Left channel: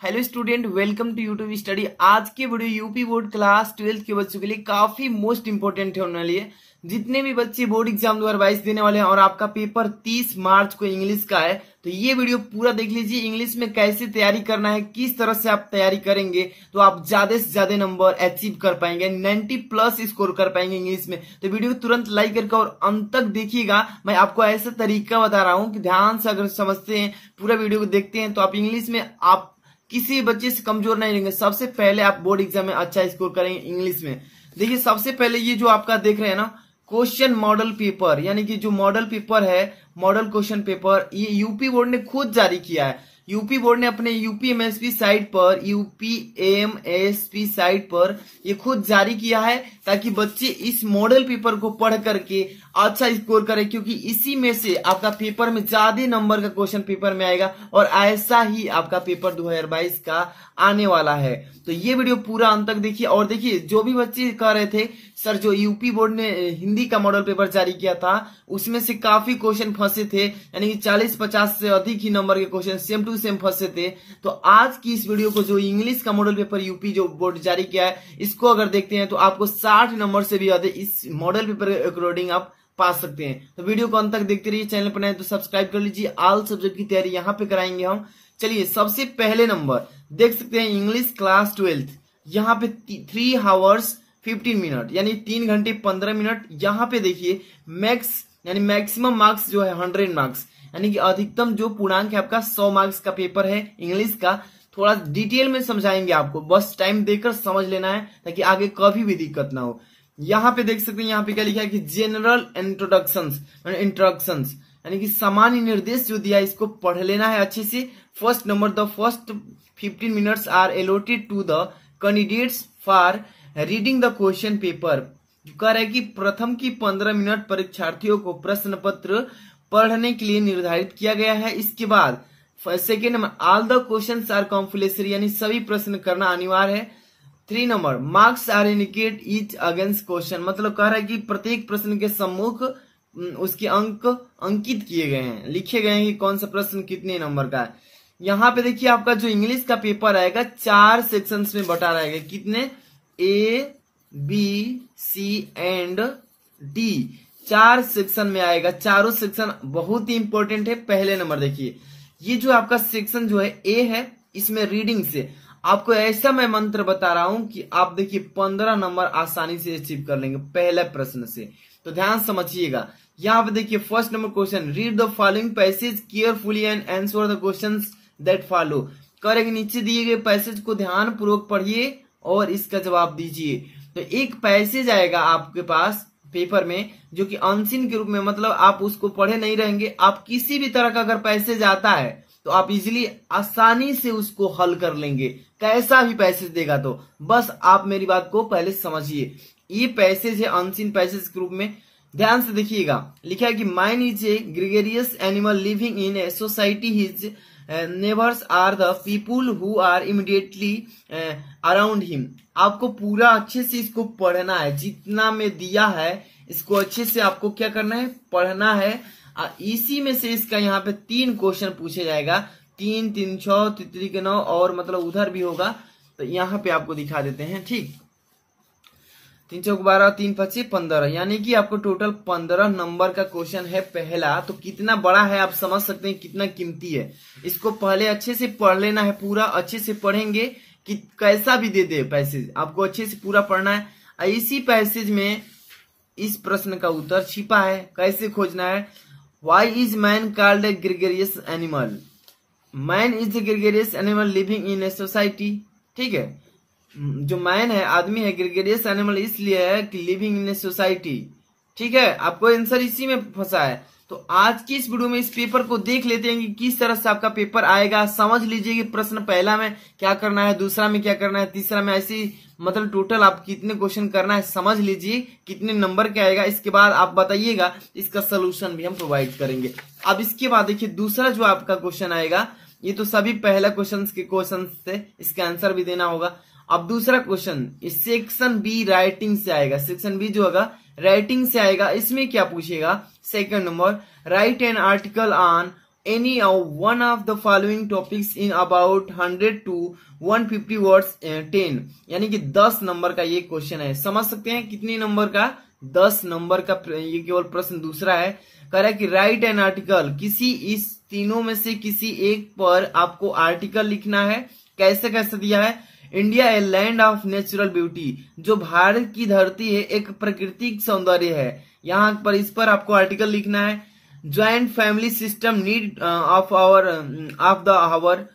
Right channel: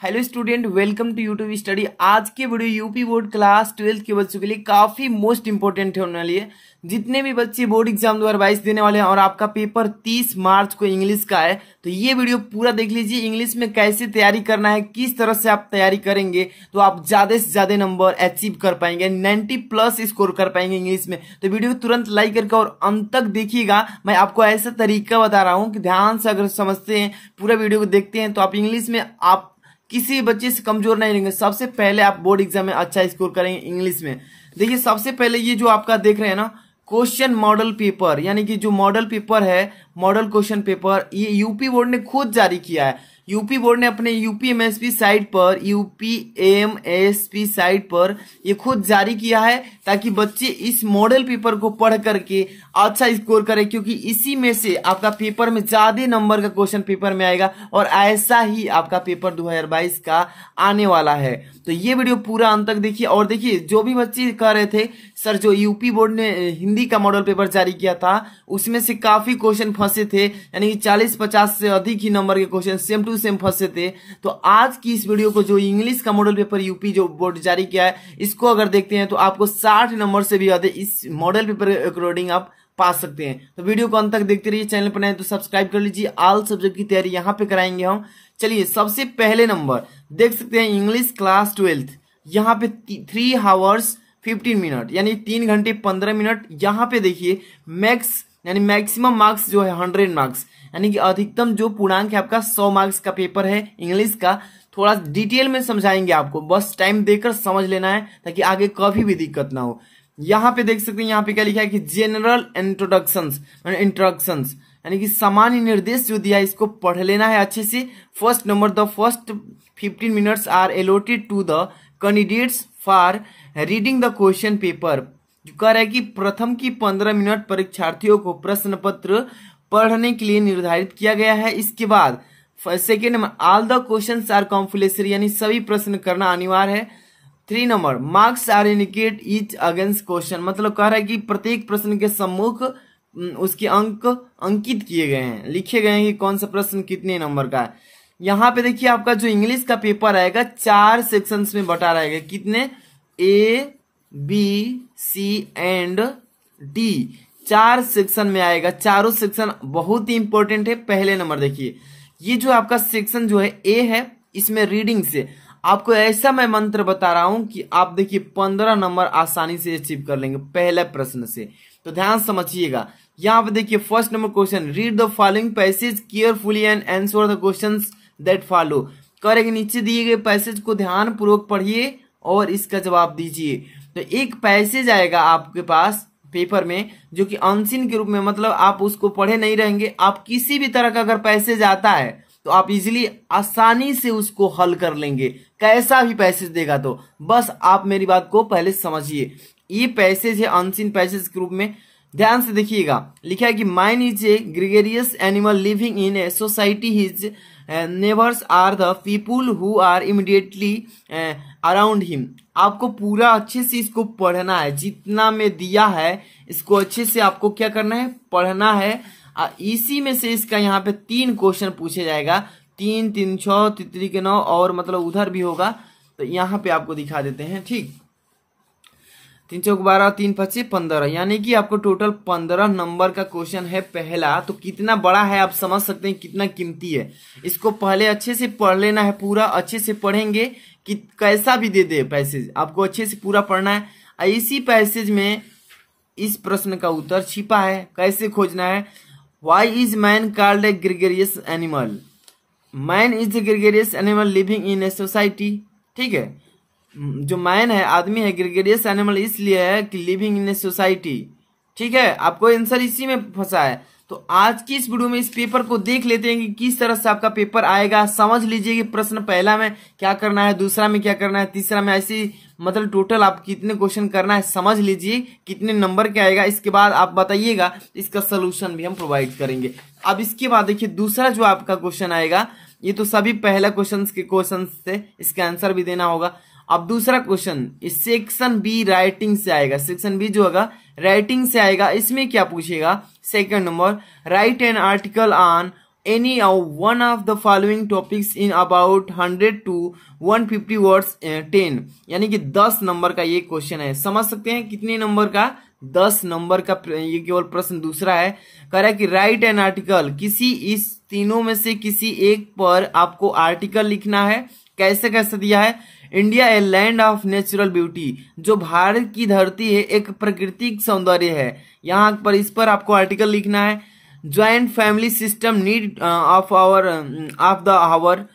Hello student, welcome to YouTube study. आज के video UP board class 12 के बच्चों के लिए काफी मोस्ट इंपोर्टेंट होने वाली है। जितने भी बच्चे बोर्ड एग्जाम 2022 देने वाले हैं और आपका पेपर 30 मार्च को इंग्लिश का है, तो ये वीडियो पूरा देख लीजिए। इंग्लिश में कैसे तैयारी करना है, किस तरह से आप तैयारी करेंगे तो आप ज्यादा से ज्यादा नंबर अचीव कर पाएंगे, 90+ स्कोर कर पाएंगे इंग्लिश में। तो वीडियो को तुरंत लाइक करके और अंत तक देखिएगा। मैं आपको ऐसा तरीका बता रहा हूँ कि ध्यान से अगर समझते हैं, पूरा वीडियो को देखते हैं, तो आप इंग्लिश में आप किसी बच्चे से कमजोर नहीं लेंगे। सबसे पहले आप बोर्ड एग्जाम में अच्छा स्कोर करेंगे इंग्लिश में। देखिए, सबसे पहले ये जो आपका देख रहे हैं ना, क्वेश्चन मॉडल पेपर, यानी कि जो मॉडल पेपर है, मॉडल क्वेश्चन पेपर, ये यूपी बोर्ड ने खुद जारी किया है। यूपी बोर्ड ने अपने यूपीएमएसपी साइट पर, यूपीएमएसपी साइट पर ये खुद जारी किया है, ताकि बच्चे इस मॉडल पेपर को पढ़ करके अच्छा स्कोर करें, क्योंकि इसी में से आपका पेपर में ज्यादा नंबर का क्वेश्चन पेपर में आएगा और ऐसा ही आपका पेपर 2022 का आने वाला है। तो ये वीडियो पूरा अंत तक देखिए। और देखिए, जो भी बच्चे कह रहे थे सर जो यूपी बोर्ड ने हिंदी का मॉडल पेपर जारी किया था उसमें से काफी क्वेश्चन फंसे थे, यानी कि 40-50 से अधिक ही नंबर के क्वेश्चन सेम टू सेम फंसे थे। तो आज की इस वीडियो को, जो इंग्लिश का मॉडल पेपर यूपी जो बोर्ड जारी किया है, इसको अगर देखते हैं तो आपको 60 नंबर से भी ज्यादा इस मॉडल पेपर के अकॉर्डिंग आप पा सकते हैं। तो वीडियो को अंत तक देखते रहिए। चैनल पर नए तो सब्सक्राइब कर लीजिए। ऑल सब्जेक्ट की तैयारी यहाँ पे कराएंगे हम। चलिए, सबसे पहले नंबर देख सकते हैं, इंग्लिश क्लास 12, यहाँ पे 3 आवर्स 15 मिनट, यानी 3 घंटे 15 मिनट। यहाँ पे देखिए मैक्स यानी मैक्सिमम मार्क्स जो है 100 मार्क्स, यानी कि अधिकतम जो पूर्णांक है आपका 100 मार्क्स का पेपर है इंग्लिश का। थोड़ा डिटेल में समझाएंगे आपको, बस टाइम देकर समझ लेना है ताकि आगे कभी भी दिक्कत ना हो। यहाँ पे देख सकते हैं, यहाँ पे क्या लिखा है कि जनरल इंट्रोडक्शंस, यानी कि सामान्य निर्देश जो दिया है इसको पढ़ लेना है अच्छे से। First number, the first 15 minutes are allotted to the candidates for reading the question paper. कह रहा है कि प्रथम की 15 मिनट परीक्षार्थियों को प्रश्न पत्र पढ़ने के लिए निर्धारित किया गया है। इसके बाद second number, all the questions are compulsory, यानी सभी प्रश्न करना अनिवार्य है। 3 number, marks are indicate each against question, मतलब कह रहा है कि प्रत्येक प्रश्न के सम्मुख उसके अंक अंकित किए गए हैं, लिखे गए हैं कि कौन सा प्रश्न कितने नंबर का है। यहाँ पे देखिए, आपका जो इंग्लिश का पेपर आएगा 4 सेक्शंस में बटा रहेगा। कितने? A, B, C and D, 4 section में आएगा। चारों सेक्शन बहुत ही इंपॉर्टेंट है। पहले नंबर देखिए, ये जो आपका सेक्शन जो है A है, इसमें रीडिंग से आपको ऐसा मैं मंत्र बता रहा हूं कि आप देखिए 15 नंबर आसानी से अचीव कर लेंगे पहले प्रश्न से। तो ध्यान समझिएगा। यहाँ पे देखिए, first number question, read the following passage carefully and answer the questions that follow. करेंगे नीचे दिए गए पैसेज को ध्यान पूर्वक पढ़िए और इसका जवाब दीजिए। तो एक पैसेज आएगा आपके पास पेपर में जो कि अनसीन के रूप में, मतलब आप उसको पढ़े नहीं रहेंगे। आप किसी भी तरह का अगर पैसेज आता है तो आप इजीली आसानी से उसको हल कर लेंगे, कैसा भी पैसेज देगा। तो बस आप मेरी बात को पहले समझिए। ये पैसेज है अनसीन पैसेज के रूप में। ध्यान से देखिएगा, लिखा है कि man is a gregarious animal living in a society, his neighbours are the people who are immediately around him. आपको पूरा अच्छे से इसको पढ़ना है, जितना में दिया है इसको अच्छे से आपको क्या करना है, पढ़ना है। इसी में से इसका यहाँ पे 3 क्वेश्चन पूछे जाएगा, 3, 3, 6, 3 के 9, और मतलब उधर भी होगा। तो यहाँ पे आपको दिखा देते हैं, ठीक। 3 चौक 12, 3 25 15, यानी कि आपको टोटल 15 नंबर का क्वेश्चन है पहला। तो कितना बड़ा है आप समझ सकते हैं, कितना कीमती है। इसको पहले अच्छे से पढ़ लेना है, पूरा अच्छे से पढ़ेंगे कि कैसा भी दे दे पैसेज, आपको अच्छे से पूरा पढ़ना है। इसी पैसेज में इस प्रश्न का उत्तर छिपा है, कैसे खोजना है। Why is man called a gregarious animal? Man is a gregarious animal living in a society, ठीक है। जो मैन है, आदमी है, ग्रेगरियस एनिमल इसलिए है कि लिविंग इन ए सोसाइटी, ठीक है। आपको आंसर इसी में फंसा है। तो आज की इस वीडियो में इस पेपर को देख लेते हैं कि किस तरह से आपका पेपर आएगा। समझ लीजिए कि प्रश्न पहला में क्या करना है, दूसरा में क्या करना है, तीसरा में, ऐसी मतलब टोटल आप कितने क्वेश्चन करना है समझ लीजिए, कितने नंबर के आएगा। इसके बाद आप बताइएगा, इसका सोल्यूशन भी हम प्रोवाइड करेंगे। अब इसके बाद देखिए, दूसरा जो आपका क्वेश्चन आएगा, ये तो सभी पहला क्वेश्चन थे, इसका आंसर भी देना होगा। अब दूसरा क्वेश्चन इस सेक्शन बी राइटिंग से आएगा। सेक्शन बी जो होगा राइटिंग से आएगा। इसमें क्या पूछेगा? Second number, right an article on any one of the following topics in about 100 to 150 words 10, यानी कि 10 नंबर का ये क्वेश्चन है। समझ सकते हैं कितने नंबर का, 10 नंबर का ये केवल प्रश्न। दूसरा है, कह रहा है कि राइट एन आर्टिकल, किसी इस तीनों में से किसी एक पर आपको आर्टिकल लिखना है। कैसे कैसे दिया है, India a land of natural beauty, जो भारत की धरती है एक प्राकृतिक सौंदर्य है, यहाँ पर इस पर आपको आर्टिकल लिखना है। Joint family system need of the hour,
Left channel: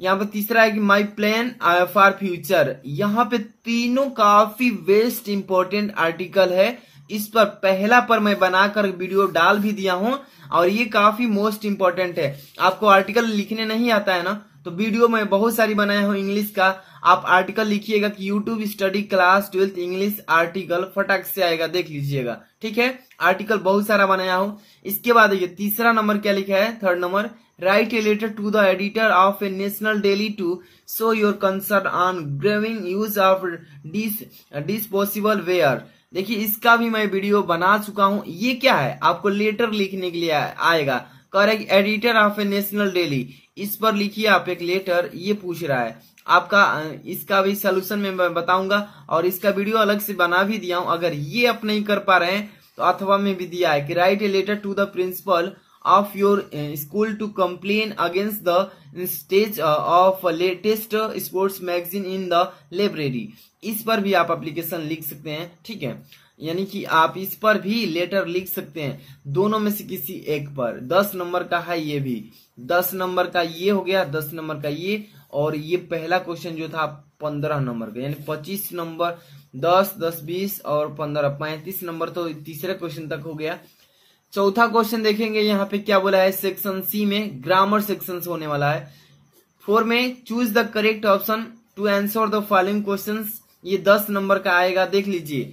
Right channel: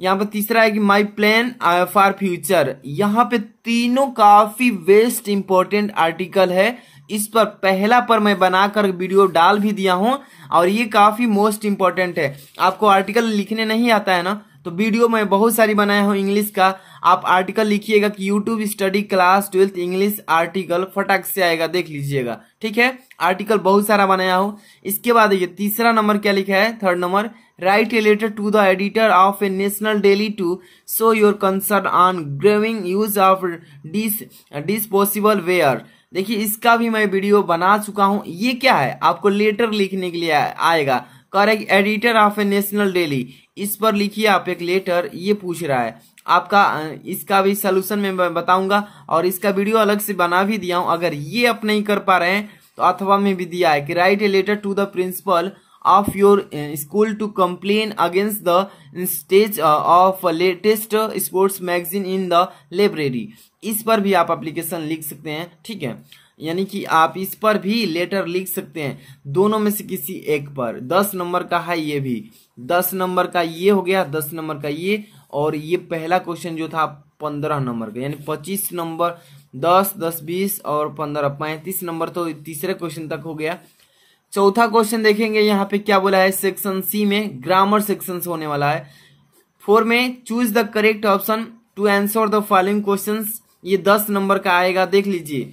यहाँ पे तीसरा है कि माई प्लान फॉर फ्यूचर। यहाँ पे तीनों काफी बेस्ट इंपॉर्टेंट आर्टिकल है। इस पर पहला पर मैं बनाकर वीडियो डाल भी दिया हूं और ये काफी मोस्ट इंपॉर्टेंट है। आपको आर्टिकल लिखने नहीं आता है ना, तो वीडियो मैं बहुत सारी बनाया हूं इंग्लिश का। आप आर्टिकल लिखिएगा कि YouTube study class 12th English article, फटाक से आएगा, देख लीजिएगा। ठीक है, आर्टिकल बहुत सारा बनाया हूं। इसके बाद ये तीसरा नंबर क्या लिखा है, third number, write a letter to the editor of a national daily to show your concern on growing use of disposable ware. देखिए इसका भी मैं वीडियो बना चुका हूं। ये क्या है, आपको लेटर लिखने के लिए आएगा। Correct, editor of a national daily, इस पर लिखिए आप एक लेटर। ये पूछ रहा है आपका, इसका भी सोल्यूशन मैं बताऊंगा और इसका वीडियो अलग से बना भी दिया हूं। अगर ये आप नहीं कर पा रहे हैं तो अथवा में भी दिया है कि write a letter to the principal of your school to complain against the stage of latest sports magazine in the library. इस पर भी आप एप्लीकेशन लिख सकते हैं। ठीक है, यानी कि आप इस पर भी लेटर लिख सकते हैं, दोनों में से किसी एक पर। 10 नंबर का है ये भी, 10 नंबर का ये हो गया, 10 नंबर का ये, और ये पहला क्वेश्चन जो था 15 नंबर का, यानी 25 नंबर, 10, 10, 20 और 15, 35 नंबर तो तीसरे क्वेश्चन तक हो गया। चौथा क्वेश्चन देखेंगे, यहाँ पे क्या बोला है, सेक्शन सी में ग्रामर सेक्शन होने वाला है। 4 में choose the correct option to answer the following questions, ये 10 नंबर का आएगा। देख लीजिए,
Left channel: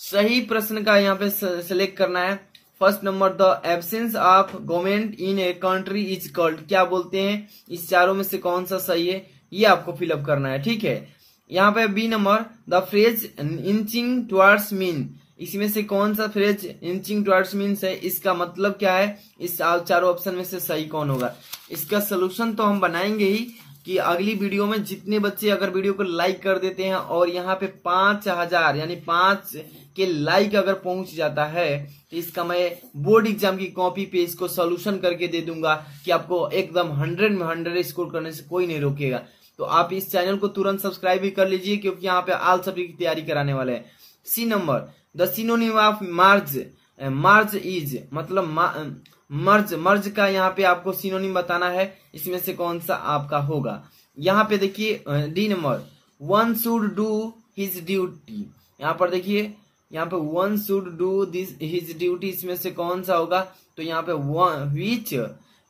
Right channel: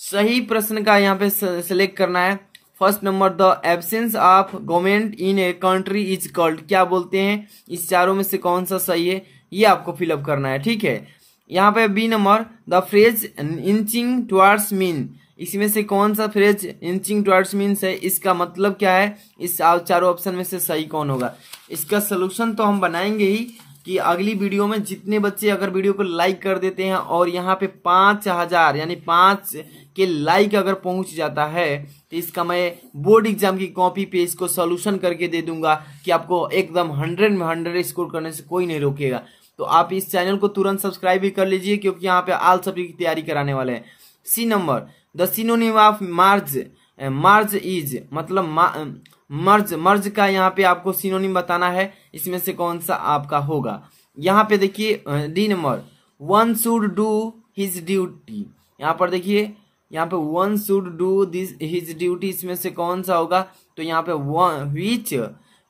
सही प्रश्न का यहाँ पे सिलेक्ट करना है। First number, the absence of government in a country is called, क्या बोलते हैं, इस चारों में से कौन सा सही है, ये आपको फिलअप करना है। ठीक है, यहाँ पे B number, the phrase inching towards mean, इसमें से कौन सा फ्रेज इंचिंग टुवर्ड्स मीन्स है, इसका मतलब क्या है, इस चारों ऑप्शन में से सही कौन होगा। इसका सोल्यूशन तो हम बनाएंगे ही कि अगली वीडियो में। जितने बच्चे अगर वीडियो को लाइक कर देते हैं और यहाँ पे 5000 यानी 5 के लाइक अगर पहुंच जाता है तो इसका मैं बोर्ड एग्जाम की कॉपी पे इसको सोल्यूशन करके दे दूंगा कि आपको एकदम 100 में 100 स्कोर करने से कोई नहीं रोकेगा। तो आप इस चैनल को तुरंत सब्सक्राइब भी कर लीजिए, क्योंकि यहाँ पे ऑल सब्जेक्ट की तैयारी कराने वाले हैं। C number, the synonym of merge, merge is, मतलब मर्ज का यहाँ पे आपको सिनोनिम बताना है, इसमें से कौन सा आपका होगा। यहाँ पे देखिए D number, one should do his duty, यहाँ पर देखिए, यहाँ पे one should do this his duty, इसमें से कौन सा होगा, तो यहाँ पे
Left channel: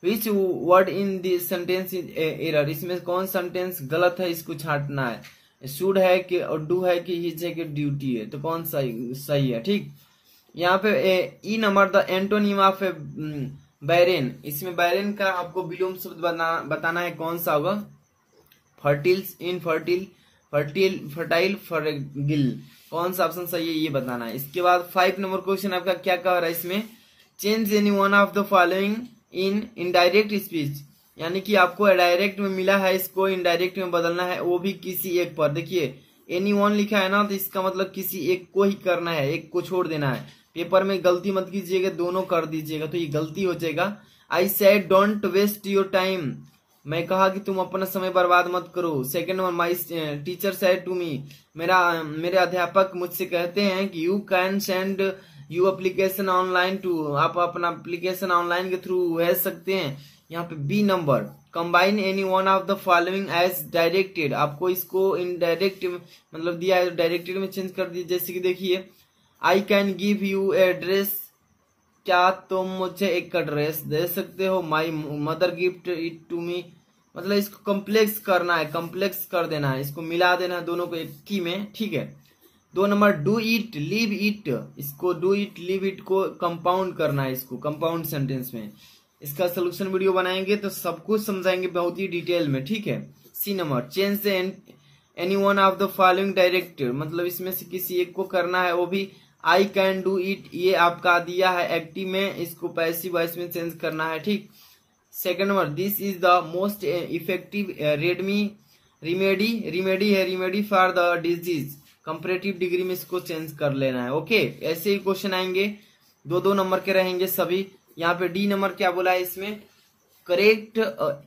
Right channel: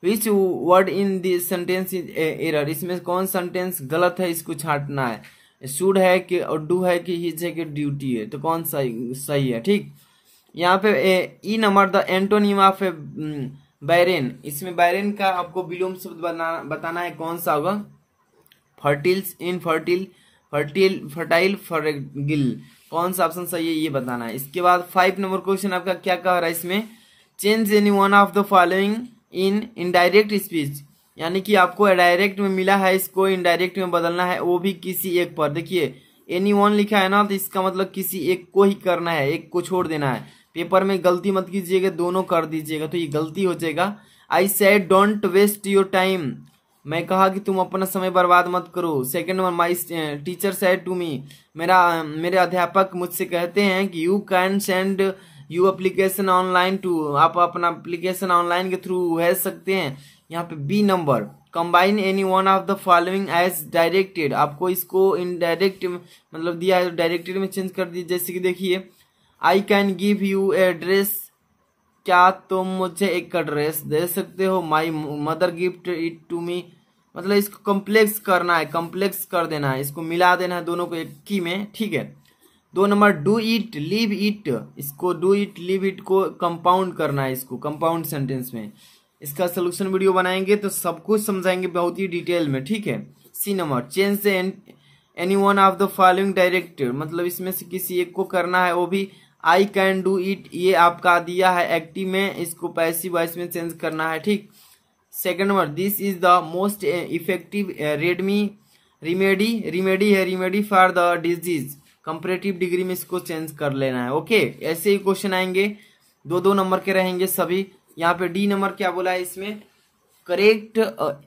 which word in this sentence is error, इसमें कौन सेंटेंस गलत है, इसको छांटना है। शुड है कि डू है कि हिज है कि ड्यूटी है, तो कौन सा सही है। ठीक, यहाँ पे E number, the antonym of barren, इसमें बैरेन का आपको विलोम शब्द बताना है, कौन सा होगा, फर्टिल, इनफर्टिल, फर्टाइल, फर्गिल, कौन सा ऑप्शन सही है ये बताना है। इसके बाद 5 नंबर क्वेश्चन आपका क्या कह रहा है, इसमें change any one of the following in indirect speech, यानी कि आपको डायरेक्ट में मिला है, इसको इनडायरेक्ट में बदलना है, वो भी किसी एक पर। देखिए एनी वन लिखा है ना, तो इसका मतलब किसी एक को ही करना है, एक को छोड़ देना है। पेपर में गलती मत कीजिएगा, दोनों कर दीजिएगा तो ये गलती हो जाएगा। I said don't waste your time, मैं कहा कि तुम अपना समय बर्बाद मत करो। Second one, my teacher said to me, मेरे अध्यापक मुझसे कहते हैं कि you can send you application online to, आप अपना एप्लीकेशन ऑनलाइन के थ्रू भेज सकते हैं। यहाँ पे B number, combine any one of the following as directed, आपको इसको इनडायरेक्ट मतलब दिया है, डायरेक्टेड में चेंज कर दीजिए। जैसे कि देखिए, I can give you a dress, क्या तुम मुझे एक ड्रेस दे सकते हो। My mother gift it to me, मतलब इसको कम्प्लेक्स करना है, कम्प्लेक्स कर देना है, इसको मिला देना है दोनों को एक ही में। ठीक है, 2 number, do it leave it, इसको डू इट लीव इट को कंपाउंड करना है, इसको कंपाउंड सेंटेंस में। इसका सोल्यूशन वीडियो बनाएंगे तो सब कुछ समझाएंगे बहुत ही डिटेल में। ठीक है, C number, change any one of the following directed, मतलब इसमें से किसी एक को करना है, वो भी आई कैन डू इट, ये आपका दिया है एक्टिव में, इसको पैसिव वॉइस में चेंज करना है। ठीक, second number, this is the most effective remedy for the disease. Comparative degree में इसको चेंज कर लेना है। ओके, ऐसे ही क्वेश्चन आएंगे, 2-2 नंबर के रहेंगे सभी। यहाँ पे डी नंबर क्या बोला है इसमें, correct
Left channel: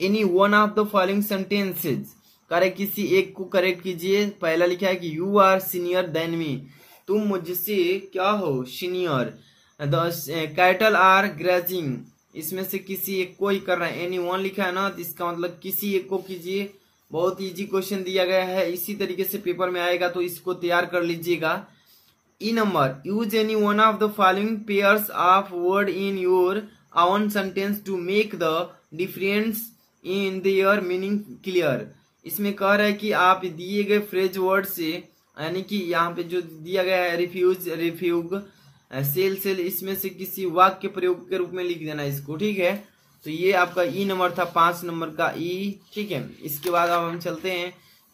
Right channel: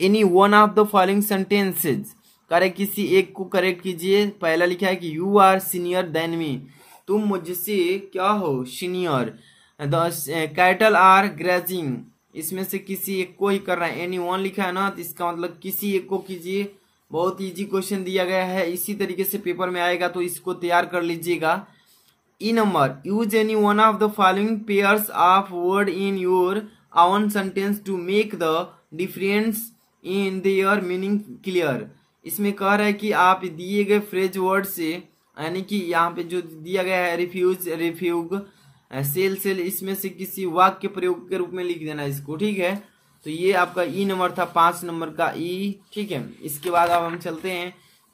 any one of the following sentences. Correct किसी एक को करेक्ट कीजिए। पहला लिखा है कि you are senior than me, तुम मुझसे क्या हो, senior. The cattle are grazing, इसमें से किसी एक को ही कर रहा है। एनी वन लिखा है ना, तो इसका मतलब किसी एक को कीजिए। बहुत इजी क्वेश्चन दिया गया है, इसी तरीके से पेपर में आएगा, तो इसको तैयार कर लीजिएगा। E number, use any one of the following pairs of word in your own sentence to make the difference in their meaning clear. इसमें कह रहा है कि आप दिए गए फ्रेज वर्ड से, यानी कि यहाँ पे जो दिया गया है रिफ्यूज, रिफ्यूग, सेल, इसमें से किसी वाक्य प्रयोग के रूप में लिख देना इसको। ठीक है, तो ये आपका ई नंबर था, 5 नंबर का ई। ठीक है, इसके बाद अब हम चलते हैं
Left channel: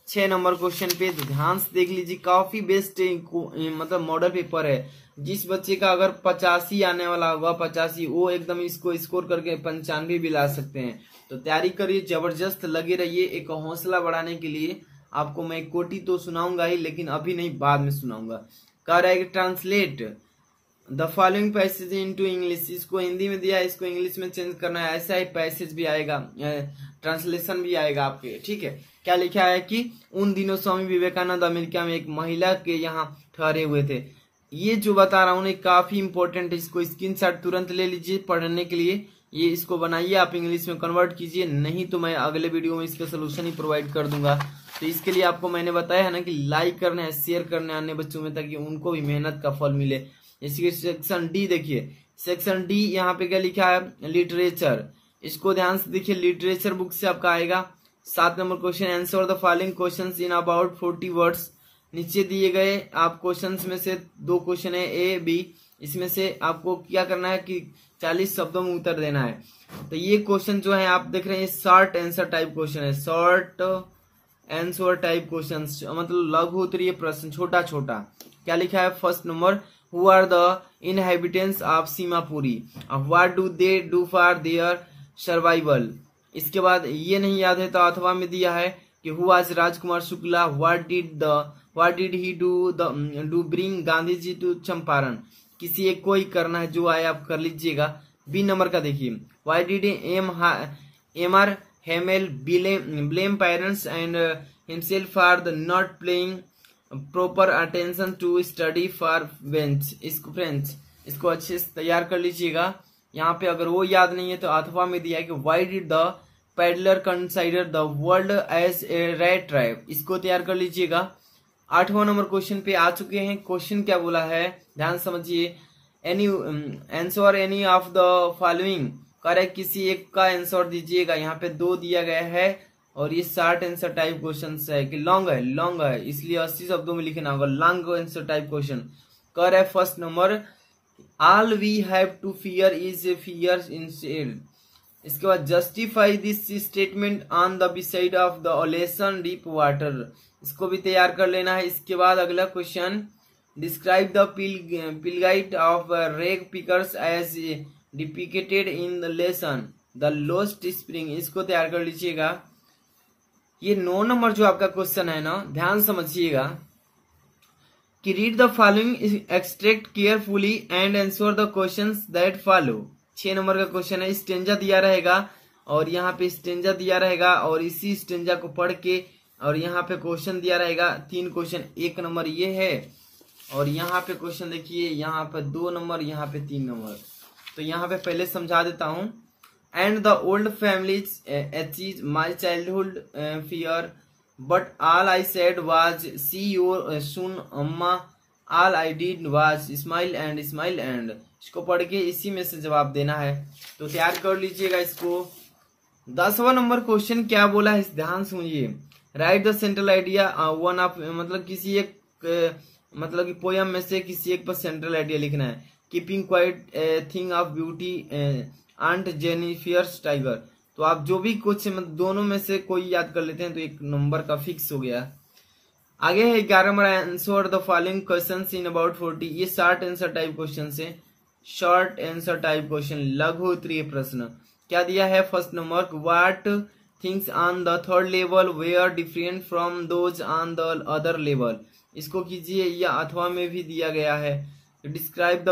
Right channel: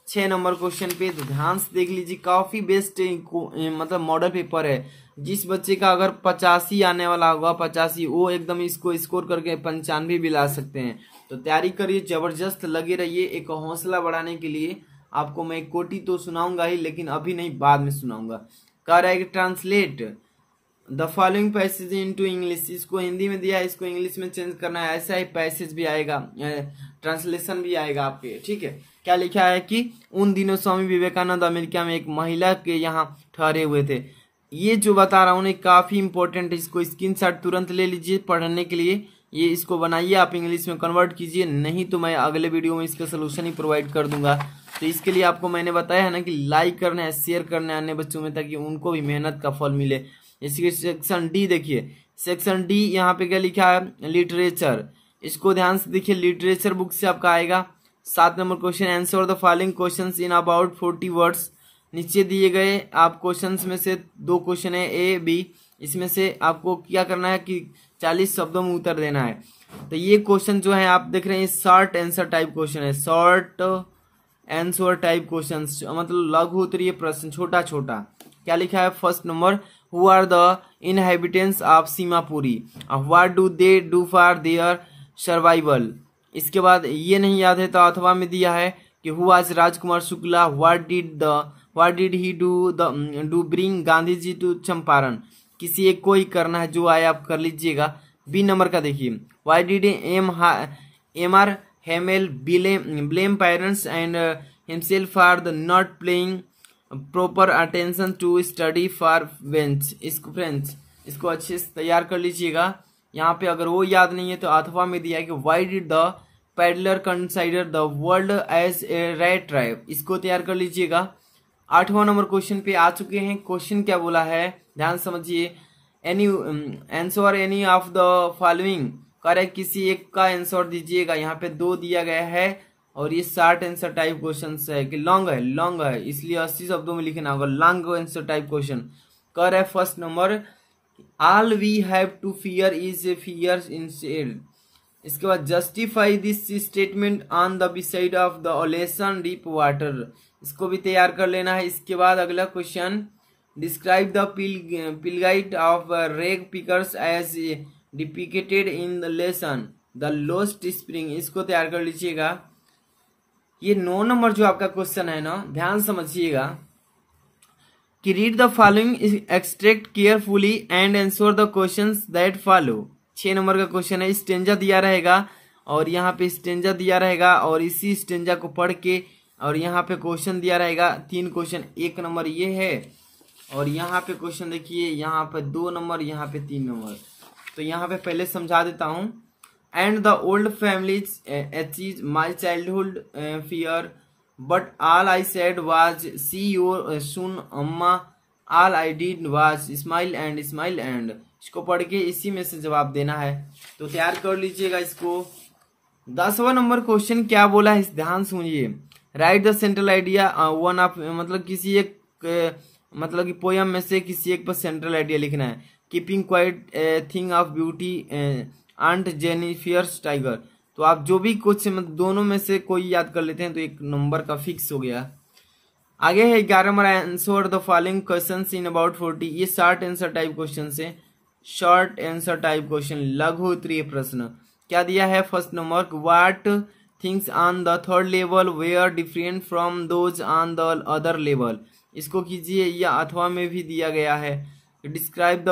6 नंबर क्वेश्चन पे। तो ध्यान से देख लीजिए, काफी बेस्ट मतलब मॉडल पेपर है। जिस बच्चे का अगर 85 आने वाला होगा, 85, वो एकदम इसको स्कोर करके 95 भी ला सकते हैं। तो तैयारी करिए, जबरदस्त लगे रहिए। एक हौसला बढ़ाने के लिए आपको मैं एक कोटी तो सुनाऊंगा ही, लेकिन अभी नहीं, बाद में सुनाऊंगा। कह रहा है कि translate the following passage into English. इसको हिंदी में दिया है, इसको इंग्लिश में चेंज करना है। ऐसा ही पैसेज भी आएगा, ट्रांसलेशन भी आएगा आपके। ठीक है, क्या लिखा है कि उन दिनों स्वामी विवेकानंद अमेरिका में एक महिला के यहाँ ठहरे हुए थे। ये जो बता रहा हूँ काफी इंपॉर्टेंट है, इसको स्क्रीनशॉट तुरंत ले लीजिए पढ़ने के लिए। ये इसको बनाइए, आप इंग्लिश में कन्वर्ट कीजिए, नहीं तो मैं अगले वीडियो में इसका सोल्यूशन ही प्रोवाइड कर दूंगा। तो इसके लिए आपको मैंने बताया है ना कि लाइक करना है, शेयर करना है अन्य बच्चों में, ताकि उनको भी मेहनत का फल मिले। इसके सेक्शन डी देखिए, सेक्शन डी यहाँ पे क्या लिखा है, लिटरेचर। इसको ध्यान से देखिए, लिटरेचर बुक से आपका आएगा। 7 number question, answer the following questions in about 40 words. नीचे दिए गए आप क्वेश्चंस में से 2 क्वेश्चन है ए बी, इसमें से आपको क्या करना है कि 40 शब्दों में उत्तर देना है। तो ये क्वेश्चन जो है आप देख रहे हैं, शॉर्ट आंसर टाइप क्वेश्चन है, शॉर्ट आंसर टाइप क्वेश्चन, मतलब लघु उत्तरीय प्रश्न, छोटा छोटा। क्या लिखा है, first number, who are the inhabitants of Seemapuri, what do they do for their survival. इसके बाद ये नहीं याद है तो अथवा में दिया है कि who was Rajkumar Shukla, what did he do bring Gandhi ji to Champaran. किसी एक को ही करना है, जो आए आप कर लीजिएगा। बी नंबर का देखिए, why did M R Hamel blame parents and himself for the not playing proper attention to study for French. इसको अच्छे से तैयार कर लीजिएगा। यहाँ पे अगर वो याद नहीं है तो अथवा में दिया है कि why did the peddler consider the world as a rat trap. इसको तैयार कर लीजिएगा। 8वां नंबर क्वेश्चन पे आ चुके हैं। क्वेश्चन क्या बोला है, ध्यान समझिए। Any answer any of the following, correct किसी एक का आंसर दीजिएगा। यहाँ पे 2 दिया गया है और ये 60 आंसर टाइप क्वेश्चन है कि लॉन्ग है, इसलिए 80 शब्दों में लिखना होगा। लॉन्ग आंसर टाइप क्वेश्चन कर है। First number, all we have to fear is a fear instead. इसके बाद, justify this statement on the beside of the lesson deep water. इसको भी तैयार कर लेना है। इसके बाद अगला question, describe the plight of rag pickers as depicted in the lesson the lost spring. इसको तैयार कर लीजिएगा। ये 9 नंबर जो आपका क्वेश्चन है ना, ध्यान समझिएगा कि read the following extract carefully and answer the questions that follow. 6 number का क्वेश्चन है। स्टेंजा दिया रहेगा और यहाँ पे स्टेंजा दिया रहेगा और इसी स्टेंजा को पढ़ के और यहाँ पे क्वेश्चन दिया रहेगा। 3 क्वेश्चन, 1 नंबर ये है और यहाँ पे क्वेश्चन देखिए, यहाँ पे 2 नंबर, यहाँ पे 3 नंबर। तो यहाँ पे पहले समझा देता हूँ। And the old families achieve my childhood fear but all I said was see your soon Amma, all I did was smile and. इसको पढ़ के इसी में से जवाब देना है, तो तैयार कर लीजिएगा इसको। 10वां नंबर क्वेश्चन क्या बोला है, ध्यान सुनिए। Right the central idea one of, मतलब किसी एक मतलब कि पोयम में से किसी एक पर सेंट्रल आइडिया लिखना है। Keeping quiet thing of beauty aunt Jennifer's tiger. तो आप जो भी कुछ दोनों में से कोई याद कर लेते हैं तो 1 नंबर का फिक्स हो गया। आगे है 11 number, answer the following questions in about 40। ये शॉर्ट आंसर टाइप क्वेश्चन है, शॉर्ट आंसर टाइप क्वेश्चन, लघु उत्तरीय प्रश्न। क्या दिया है first number, what things on the third level were different from those on the other level, इसको कीजिए, या अथवा में भी दिया गया है। Describe the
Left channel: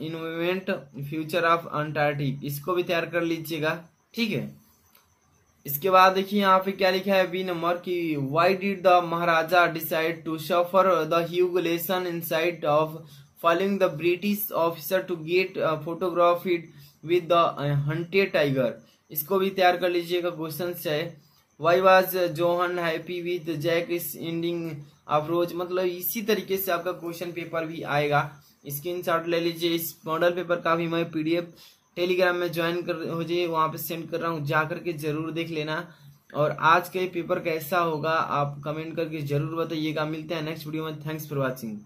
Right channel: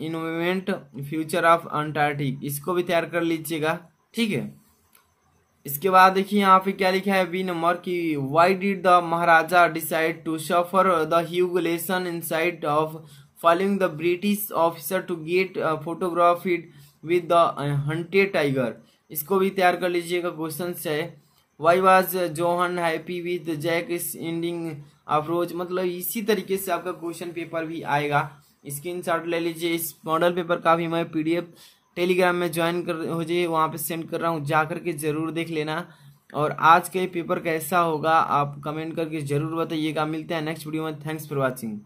environment future of Antarctic, इसको भी तैयार कर लीजिएगा, ठीक है। इसके बाद देखिए यहाँ पे क्या लिखा है बी नंबर की, why did the maharaja decide to suffer the humiliation inside of following the British officer to get photographed with the hunted tiger, इसको भी तैयार कर लीजिएगा। क्वेश्चन है why was John happy with Jack's ending of Rose, मतलब इसी तरीके से आपका क्वेश्चन पेपर भी आएगा। स्क्रीनशॉट ले लीजिए। इस मॉडल पेपर का भी मैं पीडीएफ टेलीग्राम में ज्वाइन कर हो जाइए, वहां पे सेंड कर रहा हूँ, जाकर के जरूर देख लेना। और आज का ये पेपर कैसा होगा आप कमेंट करके जरूर बताइएगा। मिलते हैं नेक्स्ट वीडियो में। Thanks for watching.